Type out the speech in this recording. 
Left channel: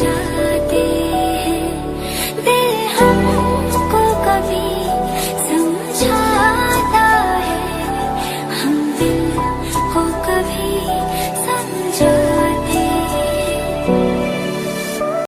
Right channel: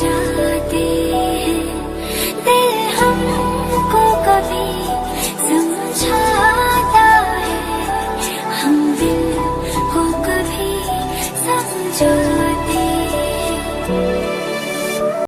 जाते हैं, दिल हमको कभी समझाता है, हम दिल को कभी समझाते हैं।